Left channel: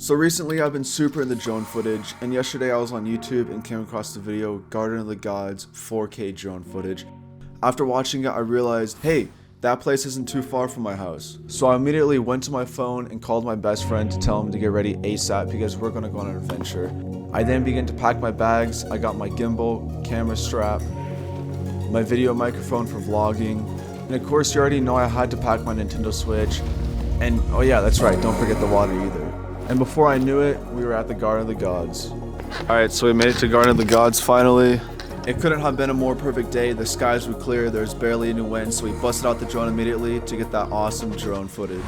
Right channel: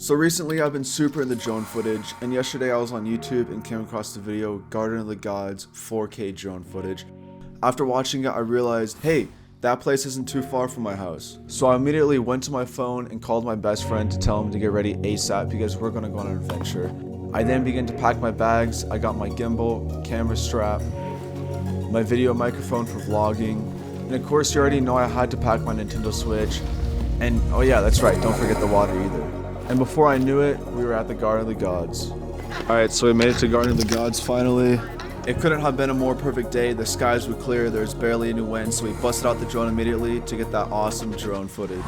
So recently I've been super into drone footage, and yesterday I was on YouTube and came across the video Garden of the Gods 4K drone footage. After watching it I realized, hey, that place isn't too far from my house. So I immediately went to my phone and called my best friend to tell him to get ready ASAP because we're gonna go on an adventure. I then began to pack my bags. I got my gimbal, camera strap, my video microphone for vlogging, and of course you already know I had to pack my Nintendo Switch, and oh yeah, that's right, don't forget the water either. And before I knew it, we were at the Garden of the Gods. Alright, so we made it to Garden of the Gods finally. It couldn't have been a more perfect day. The skies were clear, there's barely any wind, so we busted out the drone immediately to get that awesome drone footage.